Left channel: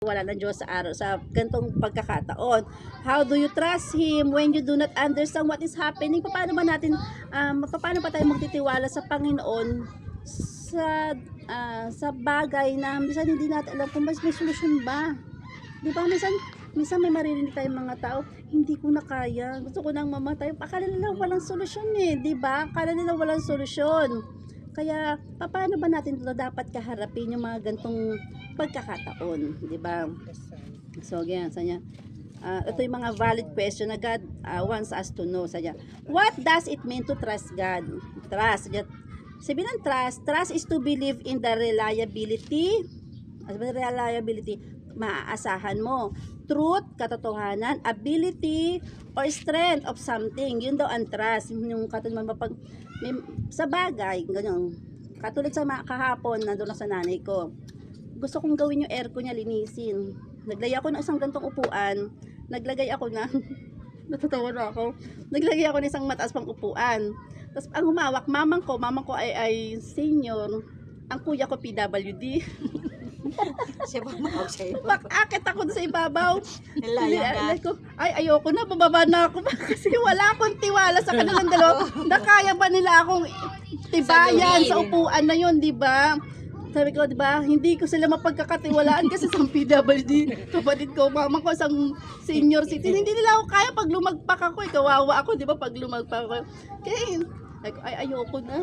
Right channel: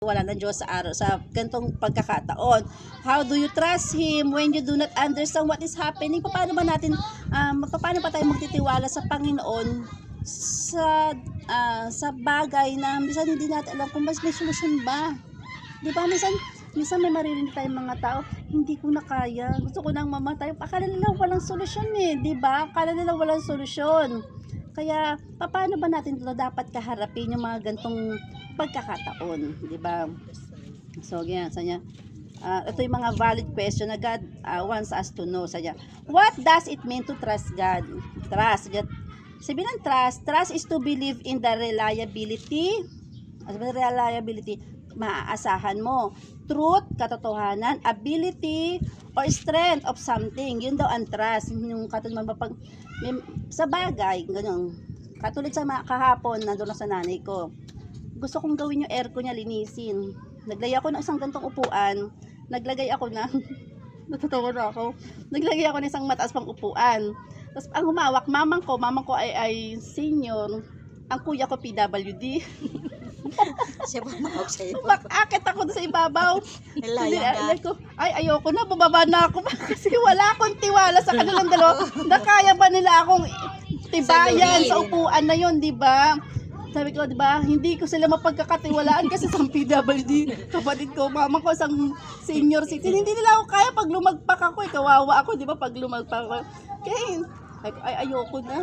wala ng Diyos sa araw sa ganitong pagkakataon. How do you trust Him when you do not understand what is happening? Paano pa tayo magtitiwala sa Panginoon sa bagay na minsan hindi natin alam kung mas may solusyon ba? Di ba? Minsan may maririnig tayong mga tao, hindi ko na kaya, gusto ko nang mamatay. Akala nila walang solusyon di ba? Akala nila walang solusyon. Kaya, paano ba natin ito dapat kaharapin yung mga gantong pagkakataon, di ba? So, ganyan, sanya. Ito yung mga valid question na God wants us to know. Sanya, what does it mean to trust God? Trust. Sabi ng trust is to believe in the reliability, maaasahan mo. Truth, katotohanan, ability, or strength of something. Yun daw ang trust. Yung katulad sa bagay, ganyan. Katulad sa kahapon, nandun na sa nanay ko. Gusto kong gawin yung aircon niya, linisin. Naglagay ako ng isang gantong upuan. Naglagay ako ng, natatawa na ako. Naglagay ako ng isang mataas pang upuan. Tapos ang humawak, mamang ko ay senior. Ang kuya ko PWD. Siya bumawag sa'yo. Akit ako sa ibabaw. Nalayan ka. Ay, ayoko na, bababa na ako. Kasi wala akong tiwala sa kanilang dalawa. Nakaya ba nila akong tibayan sa upuan na yun, di ba? Sabi ko, di ba, hindi ko sila mapagkakatiwalaan kasi sa PWD, kapatid ko, mama ko, isang senior citizen. Hindi nila ako kaya pag lumagpak ako. Kawawa ako, di ba, pag lumagpak ako. Kaya, ay, ayoko na.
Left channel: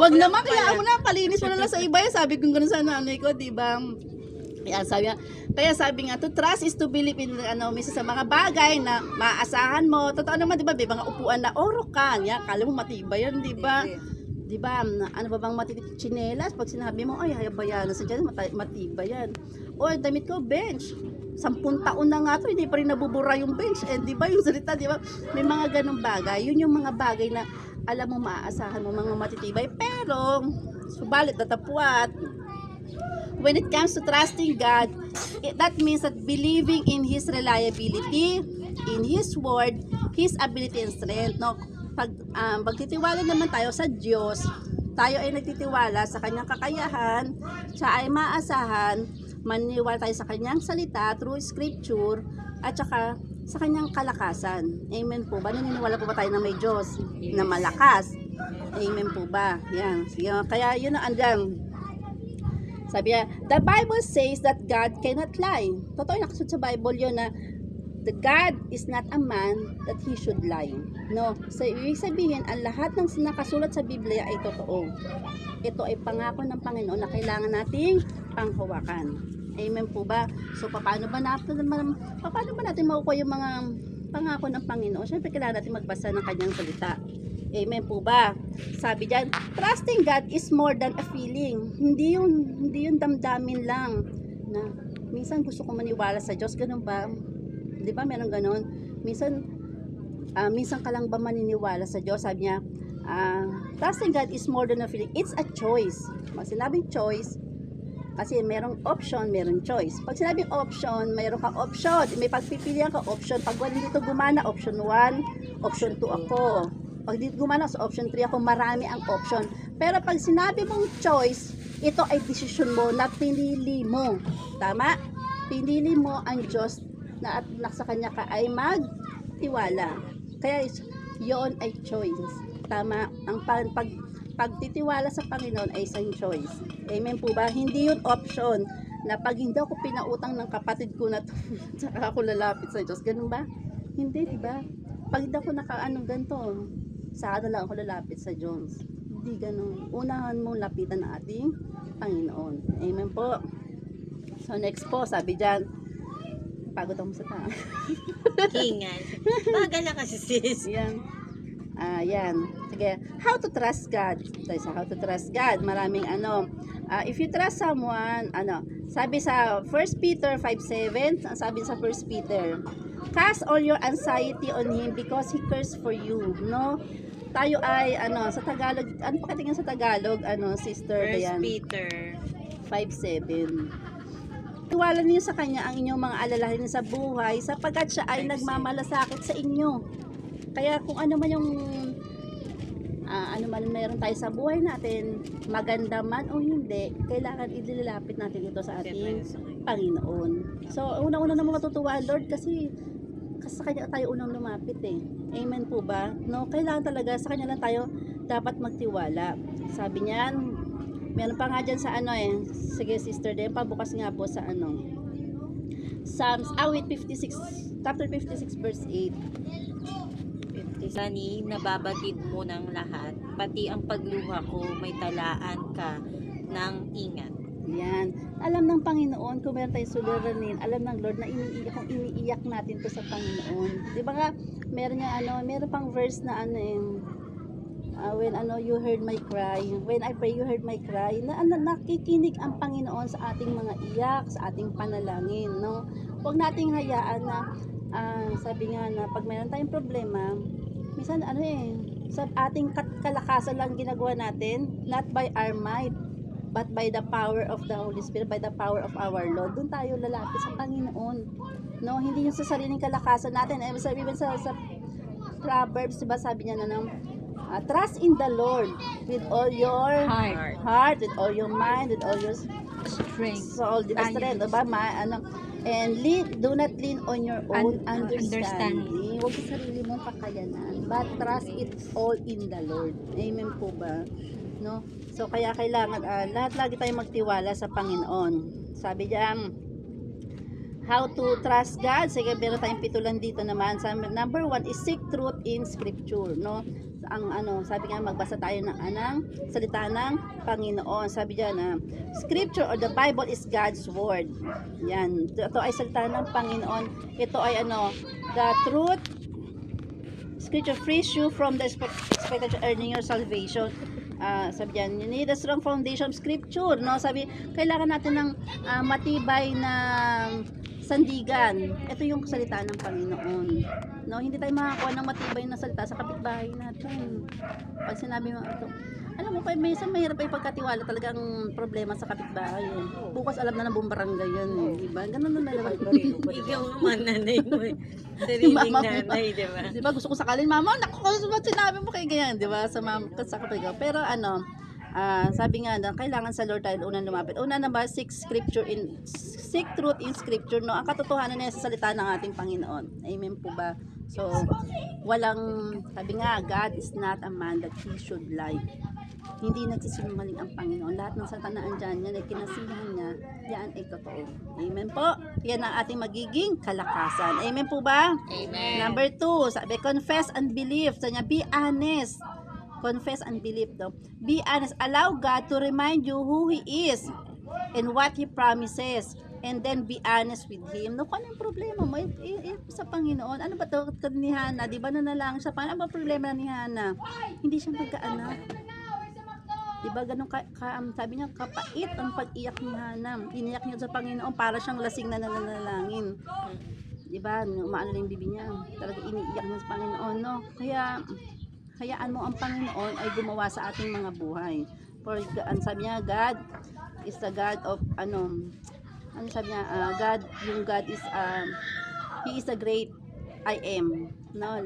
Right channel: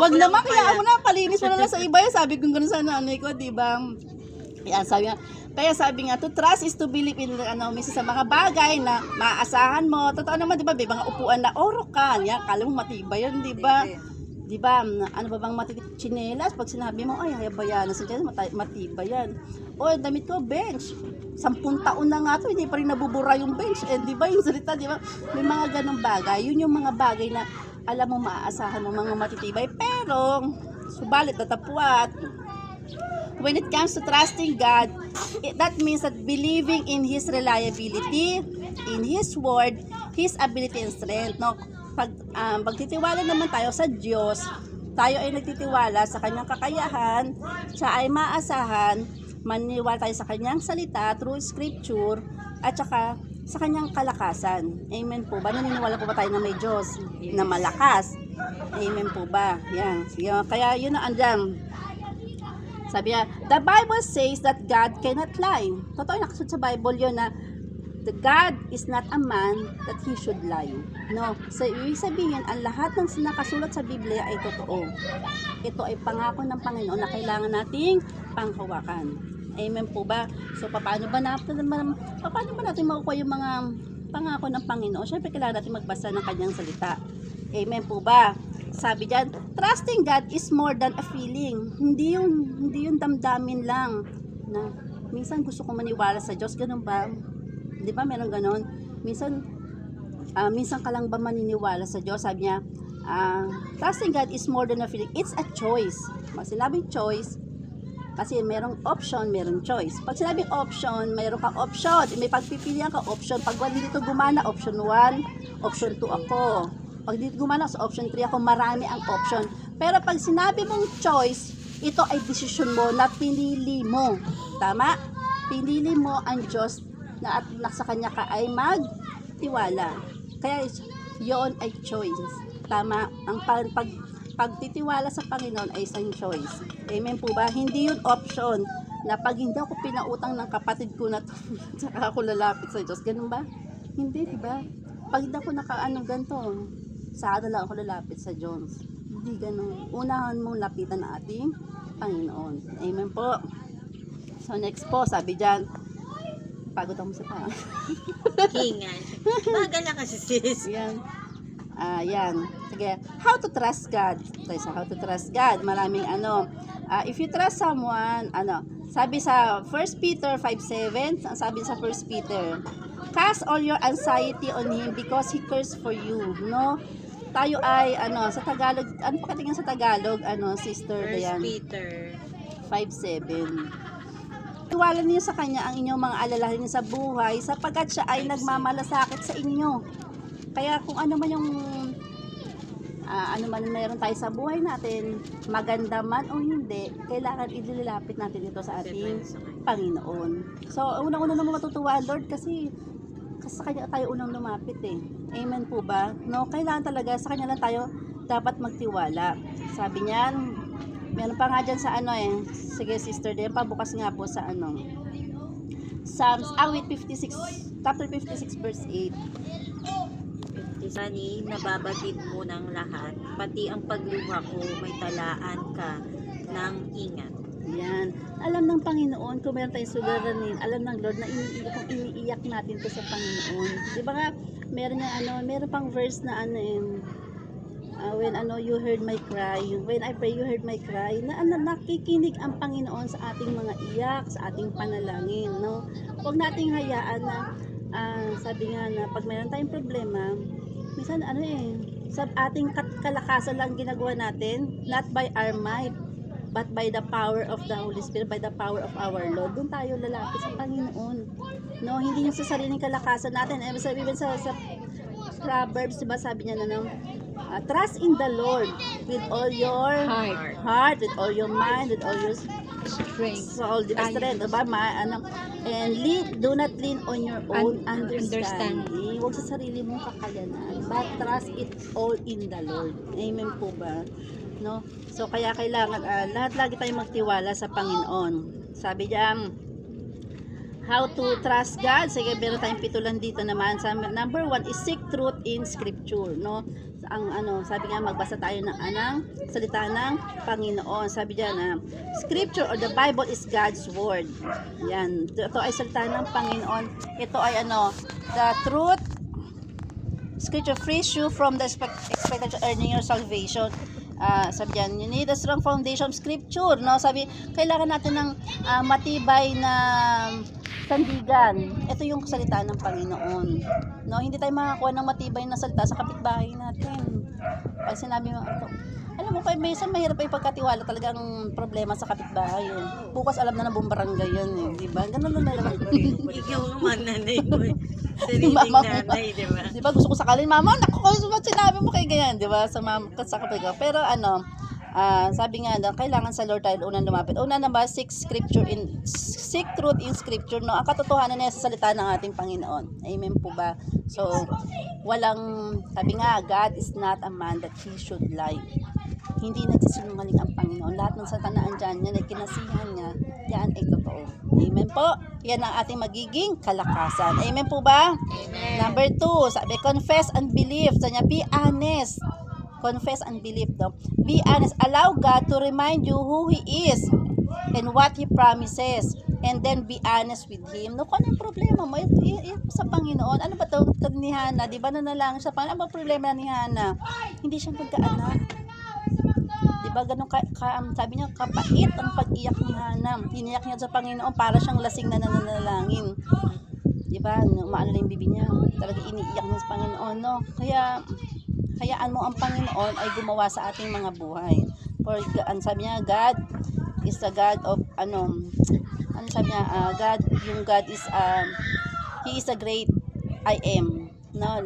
Wag naman, kaya ako na, palinis mo na lang sa iba. Sabi ko gano'n sa nanay ko, di ba? Kaya sabi nga, to trust is to believe in minsan sa mga bagay na maaasahan mo. Totoo naman, di ba, may mga upuan na orokan. Yan, kala mo matibay yan, di ba? Di ba, ano ba bang chinelas? Pag sinabi mo, ay, hayabayan na sa chinelas, matibay yan. O, damit ko, bench. 10 taon na nga to, hindi pa rin nabubura yung bench. Di ba, yung salita, di ba? May mga ganong bagay. Yun yung mga bagay na alam mo, maaasahan mo, mga matitibay. Pero, subalit, natapwat. When it comes to trusting God, that means that believing in His reliability, in His word, His ability and strength. No? Pag magtitiwala naman tayo sa Diyos, tayo ay nagtitiwala sa Kanyang kakayahan, siya ay maaasahan, maniniwala tayo sa Kanyang salita through Scripture, at saka sa Kanyang kalakasan. Amen po ba? Naniniwala po ba tayo na may Diyos na malakas? Amen po ba? Yan. Kaya yun na andyan. Sabi niya, the Bible says that God cannot lie. Totoo, nakasunod sa Bible yun na the God is not a man that he should lie. No. So, ibig sabihin, ang lahat ng nakasulat sa Biblia ay totoo. Ito ay pangako ng Panginoon na kailangan nating panghawakan. Amen po ba? So, paano ba natin makukuha yung mga pangako ng Panginoon? Siyempre, kailangan natin magbasa ng Kanyang salita. Amen po ba? Sabi diyan, trusting God is more than a feeling. Hindi yung damdamin lang. Na, minsan gusto kong maniwala sa Diyos. Ganun ba? Di ba meron ganon? Minsan ka lang ba maniniwala sa Diyos? Sabi niya, trusting God is more than a feeling. It's a choice. Pag sinabing choice, kasi merong option, merong choice. Pag sinabing option, mayroon kang option. May pagpipilian ka option. Pag wala dito gumana, option 1, option 2 ako. Pag dito gumana sa option 3 ako, marami ang option. Pero pag sinabi mong choice, ito ay desisyon mo na pinili mo. Tama? Pinili mo ang Diyos na at nasa Kanya ka ay magtiwala. Kaya yun ay choice. Tama? Ang pagtitiwala sa Panginoon ay isang choice. Amen po ba? Hindi yun option na pag hindi ako pinautang ng kapatid ko na saka ako lalapit sa Diyos. Ganun ba? Hindi, diba? Pag hindi ako ganito, saka lang ako lalapit sa Diyos. Hindi ganun. Unahan mong lapitan ng ating Panginoon. Amen po. So next po, sabi dyan, pagod ako sa tao. Hingan. Bagal na kasi sis. Yan. Yan. Sige. How to trust God. So, how to trust God. Maraming if you trust someone, sabi sa 1 Peter 5:7, sabi sa 1 Peter, cast all your anxiety on Him because He cares for you. No? Tayo ay, sa Tagalog, ano pa katingin sa Tagalog, Sister Dayan? 1 Peter 5:7. Tiwala niyo sa Kanya ang inyong mga alalahanin sa buhay sapagkat siya ay nagmamalasakit sa inyo. Kaya kung ano man yung ano man meron tayo sa buhay natin, maganda man o hindi, kailangan ililapit natin ito sa ating Panginoon. So, una-una naman matutuwa ang Lord kasi sa Kanya tayo unang lumapit eh. Amen po ba? No, kailangan talaga sa Kanya lang tayo dapat magtiwala. Sabi niyan, meron pa nga dyan sa ano eh. Sige sister, din pabukas nga po sa ano. Psalms, awit 56, chapter 56 verse 8. Sani, nababagid mo ng lahat, pati ang pagluha ko may talaan ka ng ingat. Yan. Alam ng Panginoon kung meron tayong suliranin, alam ng Lord na iniiyak, kung iniiyak natin to sa Panginoon. Di ba nga, meron pang verse na ano when you heard my cry, when I pray you heard my cry, na nakikinig ang Panginoon sa ating mga iyak, sa ating panalangin, no? Huwag nating hayaan na sabi nga na pag mayroon tayong problema, minsan sa ating kalakasan lang ginagawa natin, not by our might, but by the power of the Holy Spirit, by the power of our Lord. Doon tayo lalapit sa Panginoon. No, hindi yung sa sariling kalakasan natin. Even sa Proverbs, diba sabi niya na trust in the Lord with all your heart, with all your mind, with all your soul, strength, diba? And do not lean on your own understanding. Huwag sa sarili mong kakayanan, but trust it all in the Lord. Amen po ba? No? So kaya kailangan lahat lagi tayong magtiwala sa Panginoon. Sabi diyan, how to trust God. Sige, meron tayong pitulan dito naman. Number 1 is seek truth in scripture, no? Sabi nga magbasa tayo ng salita ng Panginoon. Sabi diyan scripture or the Bible is God's word. Yan. Ito ay salita ng Panginoon. Ito ay the truth. Scripture frees you from the expected earning your salvation. Sabi dyan, you need a strong foundation of scripture, no? Sabi, kailangan natin ng matibay na sandigan. Ito yung salita ng Panginoon, no? Hindi tayo makakuha ng matibay na salita sa kapitbahay natin. Pag sinabi mo ito, alam mo, minsan mahirap ay pagkatiwala, talagang problema sa kapitbahay yun. Bukas alam na ng buong barangay yun eh, di ba? Ganun na naman. Ikaw naman nanay mo eh. Sariling nanay, di ba? Di ba, gusto ko sakalin, mama, naku, sinabi mo kay ganyan, di ba? Sa kapitbahay. Pero sabi nga kailangan sa Lord tayo unang lumapit. Una na ba, seek truth in scripture, no? Ang katotohanan niya sa salita ng ating Panginoon. Amen po ba? So, sabi nga, God is not a man that he should lie. Hindi nagsisinungaling ang Panginoon. Lahat ng satanaan dyan, yan ay kinasihan niya, yan ay totoo. Amen po. Yan ang ating magiging kalakasan. Amen po ba? Amen. Number 2, sabi, confess and believe. Sabi niya, be honest. Confess and believe daw. Be honest. Allow God to remind you who He is and what He promises. And then be honest with Him. No, kung anong problema mo sa Panginoon? Ano ba ito ni Hana? Di ba nanalangin sa Panginoon? Ano ba problema ni Hana? Hindi siya magkaanak. Diba ganun sabi niya, kapait ang pag-iyak ni Hana. Iniyak niya sa Panginoon para siyang lasing na nananalangin. Diba? Umaano na yung bibi niya. Talaga iniiyak niya sa Panginoon, no? Kaya hayaan mo ang Panginoon ay gumawa sa ating mga buhay. For sabi niya, God is the God of sabi niya, God is He is a great I am. No?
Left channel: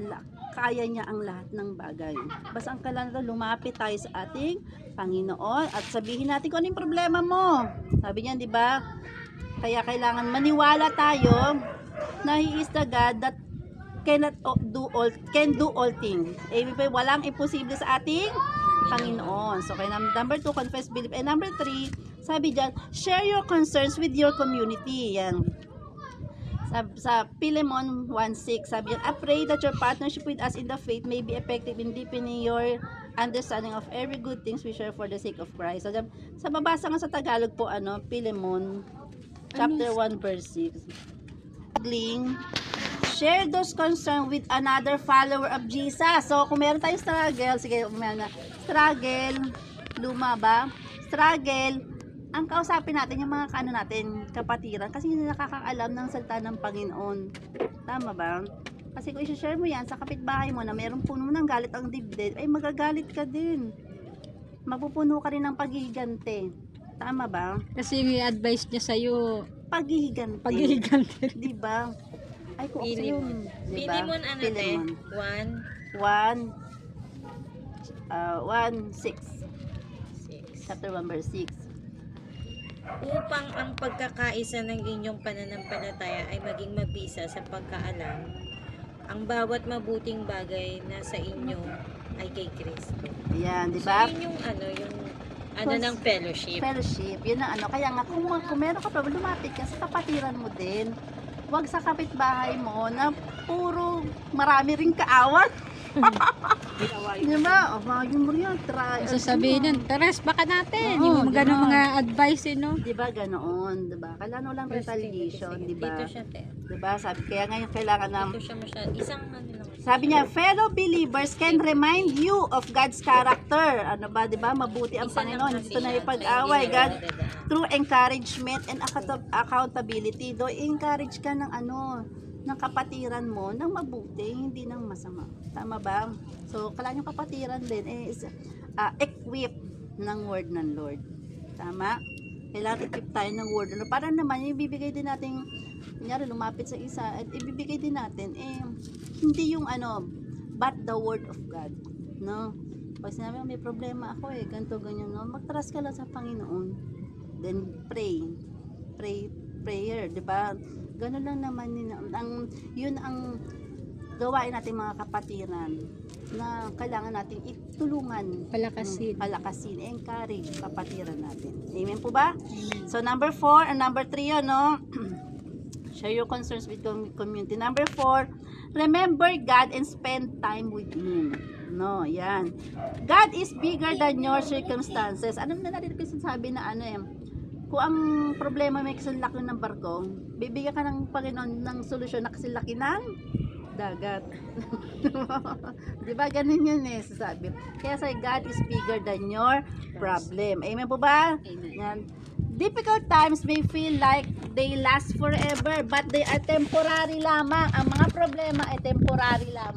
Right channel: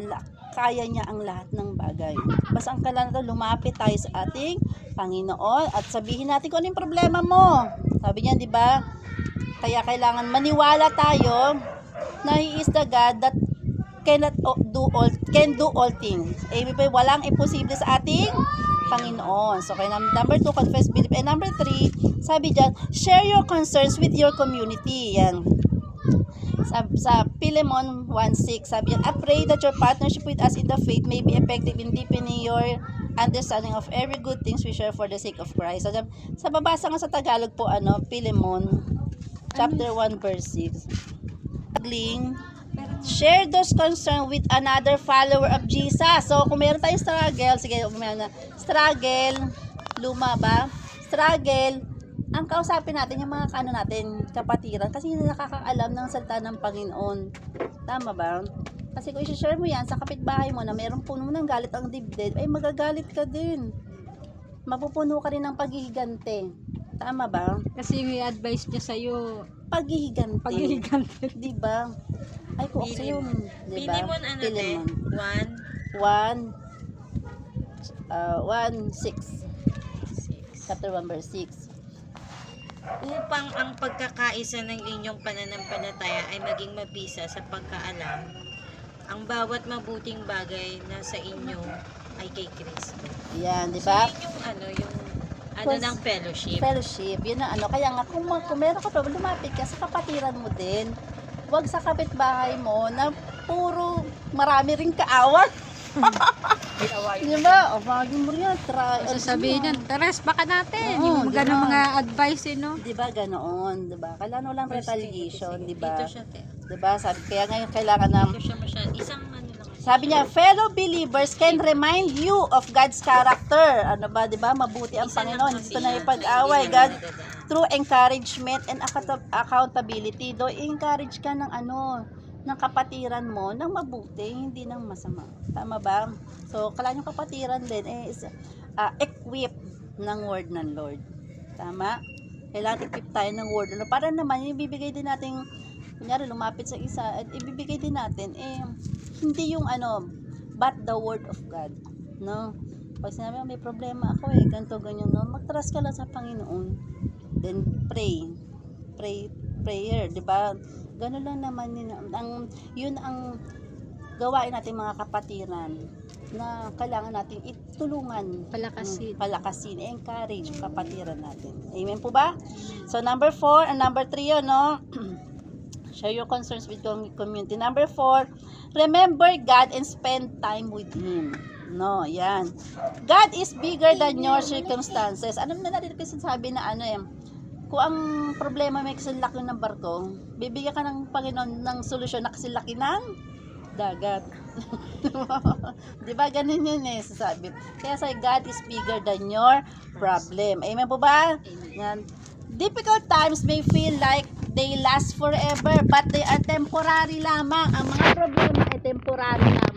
Kaya niya ang lahat ng bagay. Basta ang kailangan lumapit tayo sa ating Panginoon at sabihin natin kung ano yung problema mo. Sabi niya, di ba? Kaya kailangan maniwala tayo na He is the God that can do all things. Walang imposible sa ating Panginoon. So, kaya number 2, confess, believe. And number 3, sabi diyan, share your concerns with your community. Yan. Sa Philemon 1:6, sabi yan, I pray that your partnership with us in the faith may be effective in deepening your understanding of every good things we share for the sake of Christ. So, sa babasa nga sa Tagalog po, Philemon chapter 1 verse 6. Share those concerns with another follower of Jesus. So, kung meron tayong struggle, sige, struggle, luma ba? Struggle, ang kausapin natin yung mga kapatiran kasi hindi nakakaalam ng salita ng Panginoon. Tama ba? Kasi kung i-share mo yan sa kapitbahay mo na meron puno ng galit ang dibdib, ay magagalit ka din. Mapupuno ka rin ng paghihigante. Tama ba? Kasi may advice niya sa'yo. Paghihigante. Diba? Ay, kung sa yun. Diba? Philemon, 1:6. Chapter 1 verse 6. upang ang pagkakaisa ng inyong pananampalataya ay maging mabisa sa pagkaalam, ang bawat mabuting bagay na sa inyo ay kay Kristo. Yan, di So, ba? yun yung ng fellowship. Fellowship, yun ang ano. Kaya nga, kung meron ka pa, lumapit ka sa kapatiran mo din. Huwag sa kapitbahay mo na puro marami ring kaaway. Di ba? O, mga mo yan. Sasabihin yan, Teres, baka natin. Oo, Yung di ganun ba? mga advice, no? Di ba ganoon? Di ba? Kailangan walang retaliation, di ba? Dito siya, te. Di ba? Kaya ngayon kailangan na Dito siya masyado. Isang ano lang. sabi niya, fellow believers can remind you of God's character. Ano ba, di ba? Mabuti ang Isa lang Panginoon. kasi Ito na siya. ipag-away. Hindi God, na nadadaan. through encouragement and accountability. Do encourage ka ng ng kapatiran mo ng mabuti, hindi ng masama. Tama ba? So, kailangan yung kapatiran din is equipped ng word ng Lord. Tama? Kailangan equip tayo ng word. Para naman, ibibigay din natin, kunyari, lumapit sa isa, at ibibigay din natin, hindi yung but the word of God. No? Pag sinabi mo, may problema ako ganito, ganyan, no? Mag-trust ka lang sa Panginoon. Then, prayer, di ba? Ganun lang naman yun ang gawain natin mga kapatiran na kailangan natin itulungan, palakasin, encourage kapatiran natin. Amen po ba? Amen. So number 4 and number 3 yun, no? Share your concerns with community. Number 4, remember God and spend time with Him. No, yan. God is bigger than your circumstances. Ano na natin kasi sabi na kung ang problema may kasilaki ng barko, bibigyan ka ng Panginoon ng solusyon na kasilaki ng dagat. Diba? Ganun yun sasabi. Kaya sa God is bigger than your problem. Amen po ba? Yan. Difficult times may feel like they last forever, but they are temporary lamang. Ang mga problema ay temporary lamang.